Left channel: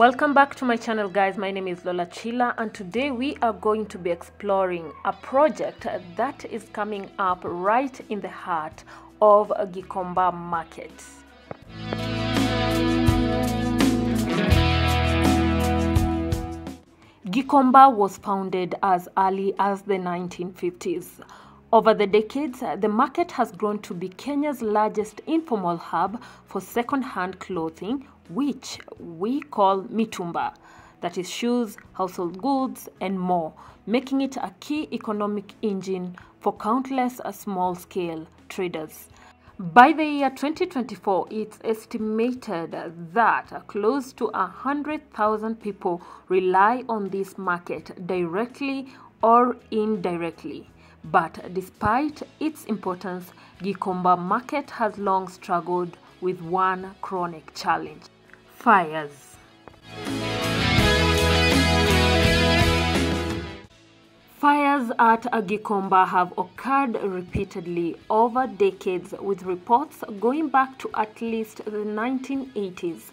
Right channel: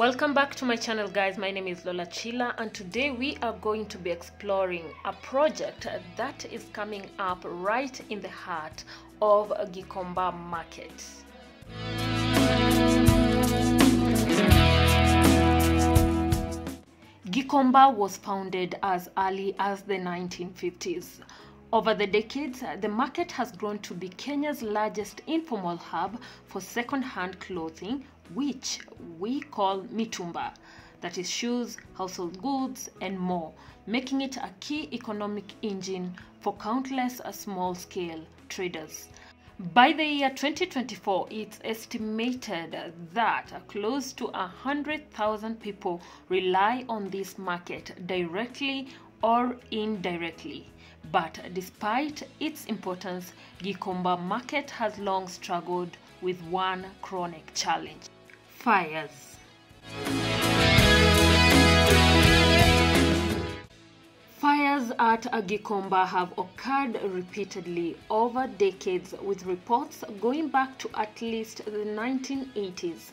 Welcome back to my channel, guys. My name is Lola Chila, and today we are going to be exploring a project that is coming up right in the heart of Gikomba Market. Gikomba was founded as early as the 1950s. Over the decades, the market has grown to be Kenya's largest informal hub for second-hand clothing, which we call mitumba, that is shoes, household goods, and more, making it a key economic engine for countless small-scale traders. By the year 2024, it's estimated that close to 100,000 people rely on this market directly or indirectly. But despite its importance, Gikomba Market has long struggled with one chronic challenge: fires. Fires at Gikomba have occurred repeatedly over decades, with reports going back to at least the 1980s.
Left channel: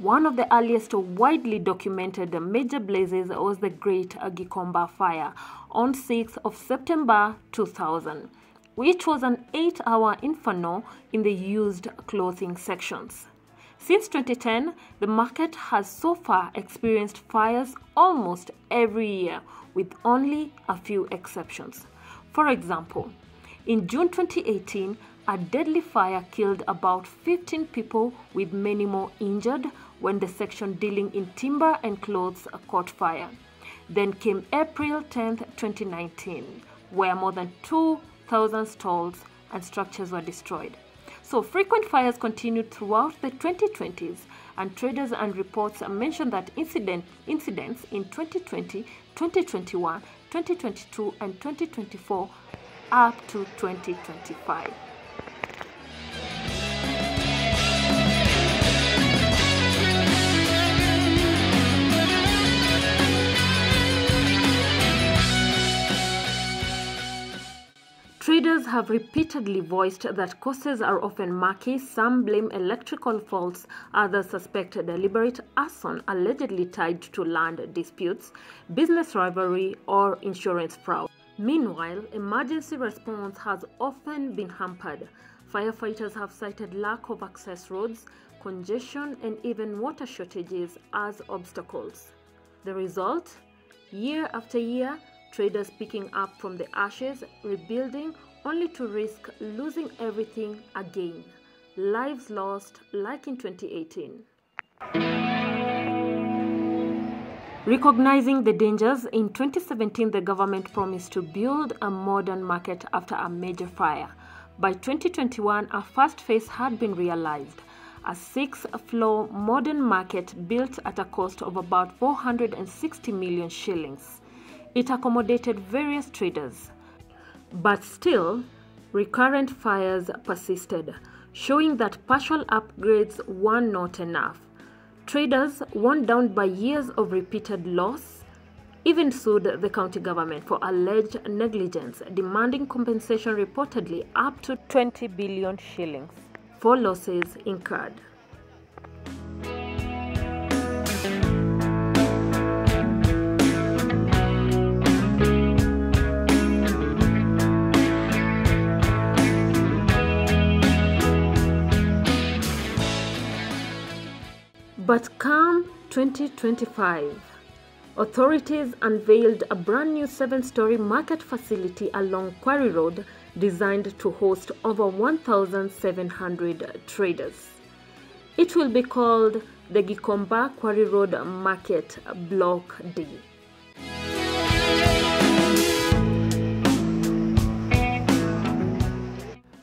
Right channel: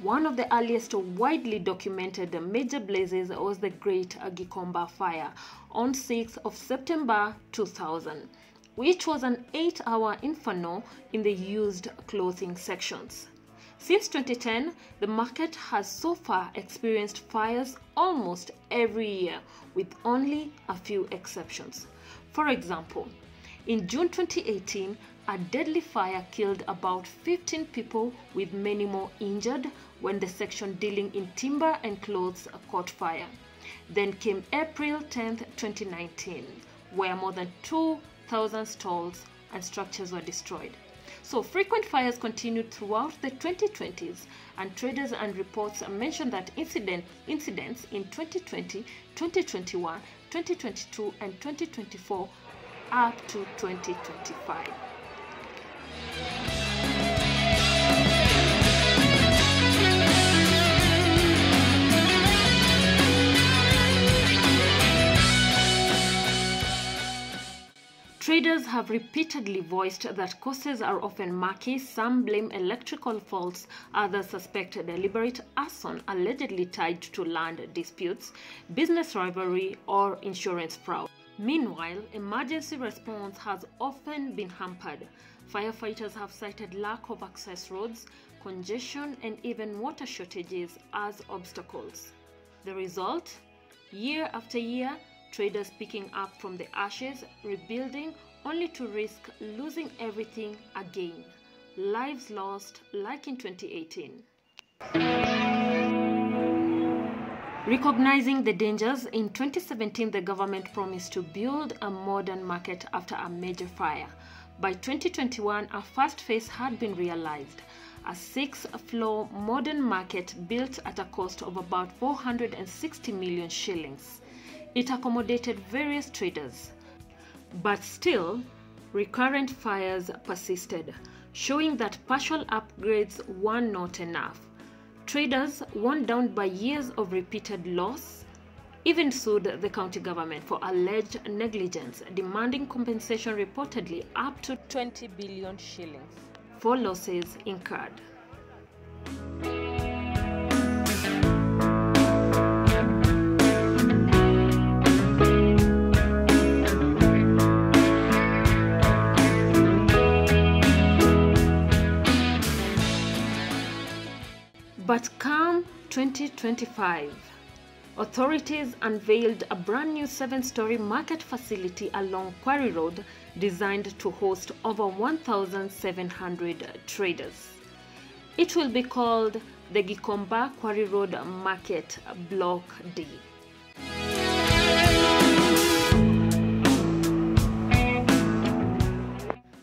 One of the earliest widely documented major blazes was the Great Gikomba Fire on 6th of September 2000, which was an 8-hour inferno in the used clothing sections. Since 2010, the market has so far experienced fires almost every year, with only a few exceptions. For example, in June 2018, a deadly fire killed about 15 people, with many more injured when the section dealing in timber and clothes caught fire. Then came April 10, 2019, where more than 2,000 stalls and structures were destroyed. So frequent fires continued throughout the 2020s, and traders and reports mentioned that incidents in 2020, 2021, 2022, and 2024 up to 2025. Traders have repeatedly voiced that causes are often murky. Some blame electrical faults, others suspect deliberate arson allegedly tied to land disputes, business rivalry, or insurance fraud. Meanwhile, emergency response has often been hampered. Firefighters have cited lack of access roads, congestion, and even water shortages as obstacles. The result? Year after year, traders picking up from the ashes, rebuilding, only to risk losing everything again. Lives lost like in 2018. Recognizing the dangers, in 2017 the government promised to build a modern market after a major fire. By 2021, a first phase had been realized: a 6-floor modern market built at a cost of about 460 million shillings. It accommodated various traders. But still, recurrent fires persisted, showing that partial upgrades were not enough. Traders, worn down by years of repeated loss, even sued the county government for alleged negligence, demanding compensation reportedly up to 20 billion shillings for losses incurred. But come 2025, authorities unveiled a brand new 7-story market facility along Quarry Road designed to host over 1,700 traders. It will be called the Gikomba Quarry Road Market Block D.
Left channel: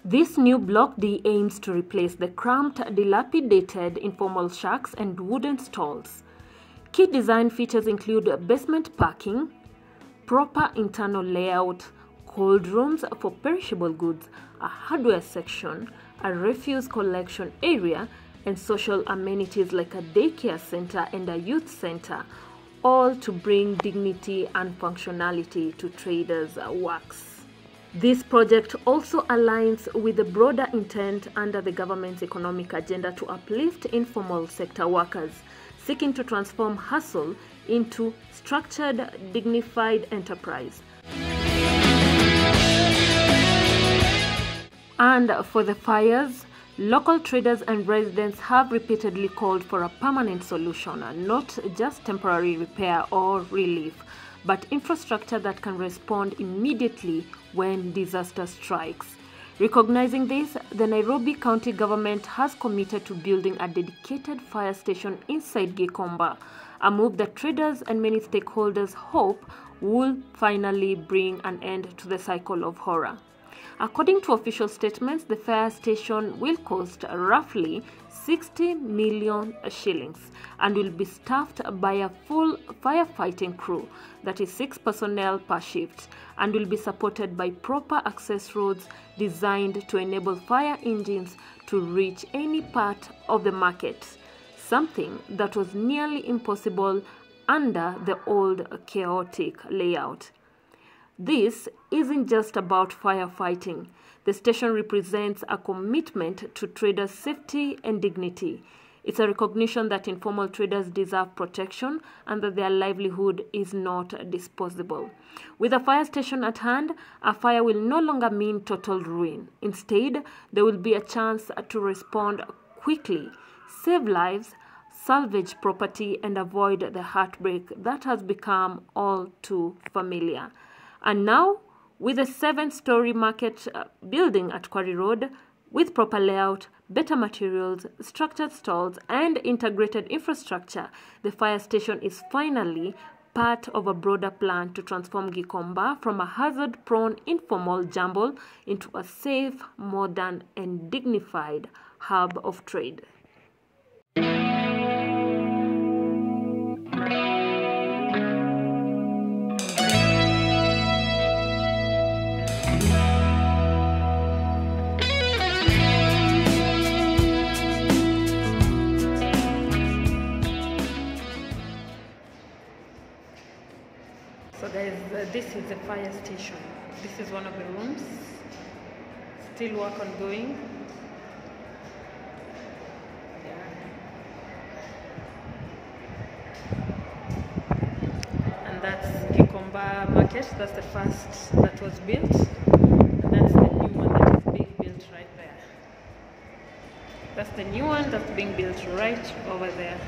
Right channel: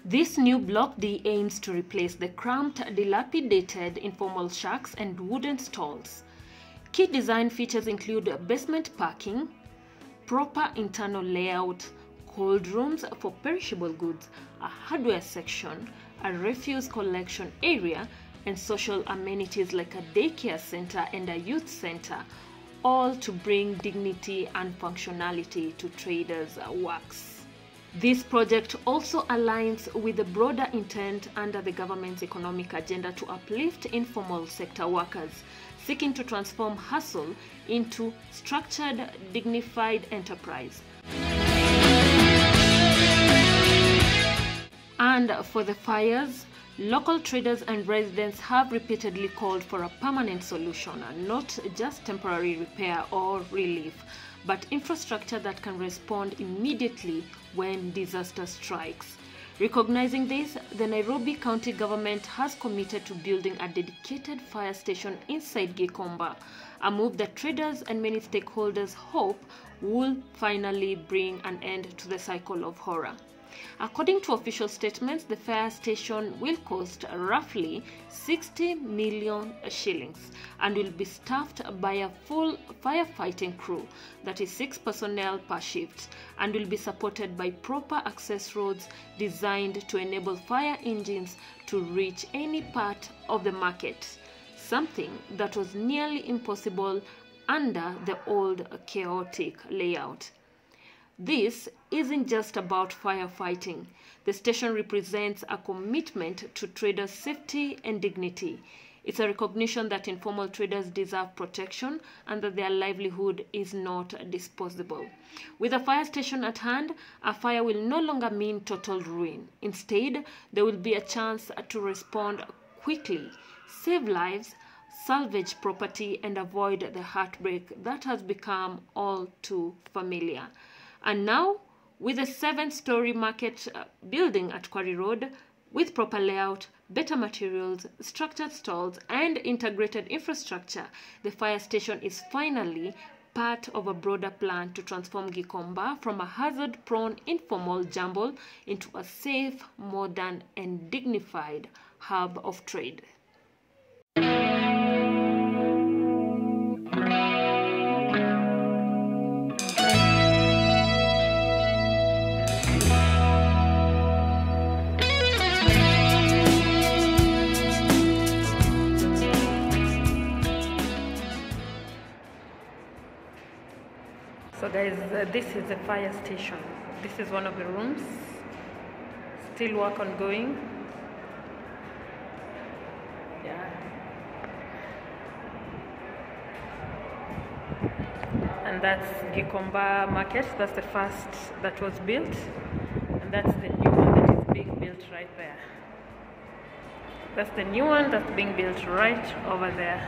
This new Block D aims to replace the cramped, dilapidated informal shacks and wooden stalls. Key design features include basement parking, proper internal layout, cold rooms for perishable goods, a hardware section, a refuse collection area, and social amenities like a daycare center and a youth center, all to bring dignity and functionality to traders' works. This project also aligns with the broader intent under the government's economic agenda to uplift informal sector workers, seeking to transform hustle into structured, dignified enterprise. And for the fires, local traders and residents have repeatedly called for a permanent solution, not just temporary repair or relief, but infrastructure that can respond immediately when disaster strikes. Recognizing this, the Nairobi County government has committed to building a dedicated fire station inside Gikomba, a move that traders and many stakeholders hope will finally bring an end to the cycle of horror. According to official statements, the fire station will cost roughly 60 million shillings and will be staffed by a full firefighting crew, that is 6 personnel per shift, and will be supported by proper access roads designed to enable fire engines to reach any part of the market, something that was nearly impossible under the old chaotic layout. This isn't just about firefighting. The station represents a commitment to traders' safety and dignity. It's a recognition that informal traders deserve protection and that their livelihood is not disposable. With a fire station at hand, a fire will no longer mean total ruin. Instead, there will be a chance to respond quickly, save lives, salvage property, and avoid the heartbreak that has become all too familiar. And now, with a 7-story market building at Quarry Road, with proper layout, better materials, structured stalls, and integrated infrastructure, the fire station is finally part of a broader plan to transform Gikomba from a hazard-prone informal jumble into a safe, modern, and dignified hub of trade. So guys, this is the fire station. This is one of the rooms. Still work ongoing. Yeah. And that's Gikomba Market. That's the first that was built. And that's the new one that is being built right there. That's the new one that's being built right over there.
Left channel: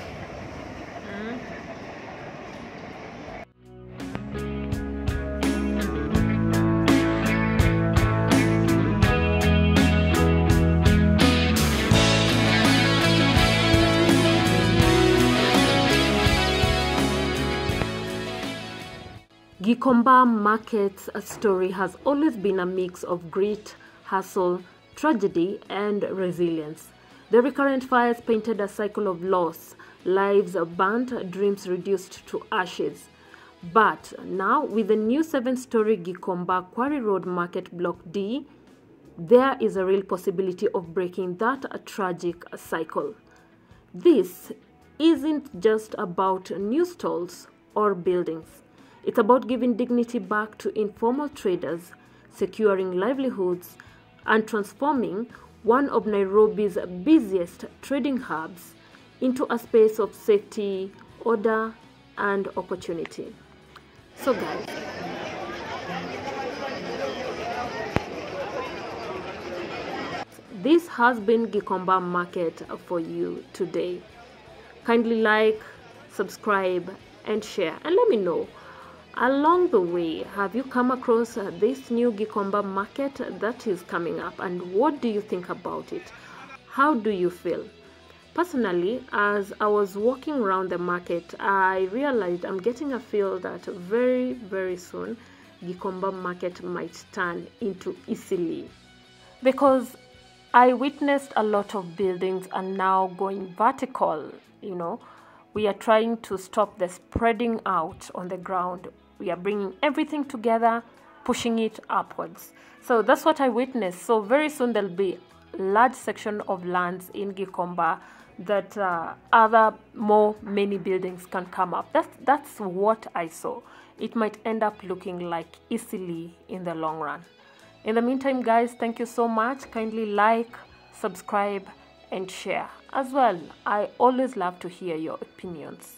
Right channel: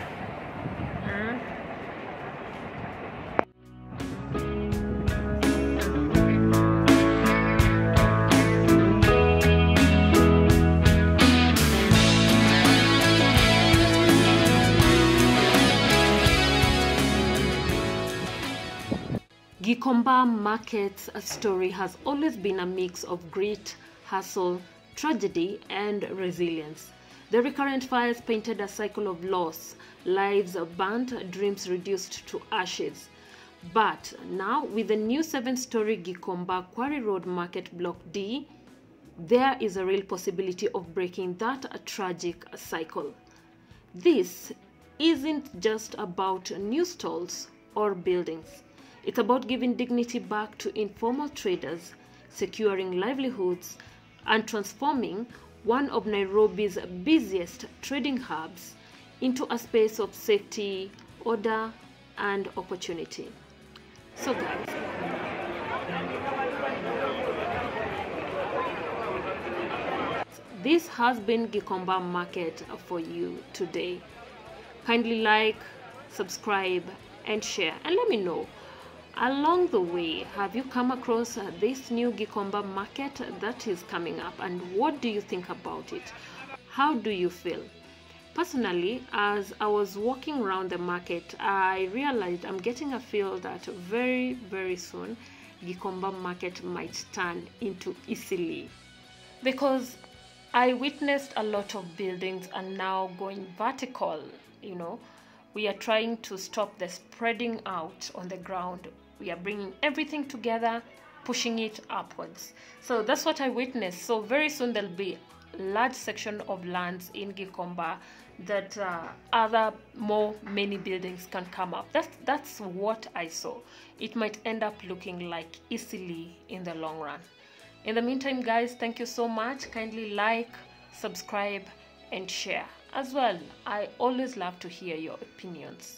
Gikomba Market's story has always been a mix of grit, hustle, tragedy, and resilience. The recurrent fires painted a cycle of loss, lives burnt, dreams reduced to ashes. But now, with the new 7-story Gikomba Quarry Road Market Block D, there is a real possibility of breaking that tragic cycle. This isn't just about new stalls or buildings. It's about giving dignity back to informal traders, securing livelihoods, and transforming one of Nairobi's busiest trading hubs into a space of safety, order, and opportunity. So guys, this has been Gikomba Market for you today. Kindly like, subscribe, and share, and let me know, along the way, have you come across this new Gikomba Market that is coming up, and what do you think about it? How do you feel? Personally, as I was walking around the market, I realized I'm getting a feel that very, very soon Gikomba Market might turn into Eastleigh, because I witnessed a lot of buildings are now going vertical. We are trying to stop the spreading out on the ground. We are bringing everything together, pushing it upwards. So that's what I witnessed. So very soon there'll be a large section of lands in Gikomba that many buildings can come up. That's what I saw. It might end up looking like Eastleigh in the long run. In the meantime, guys, thank you so much. Kindly like, subscribe, and share as well. I always love to hear your opinions.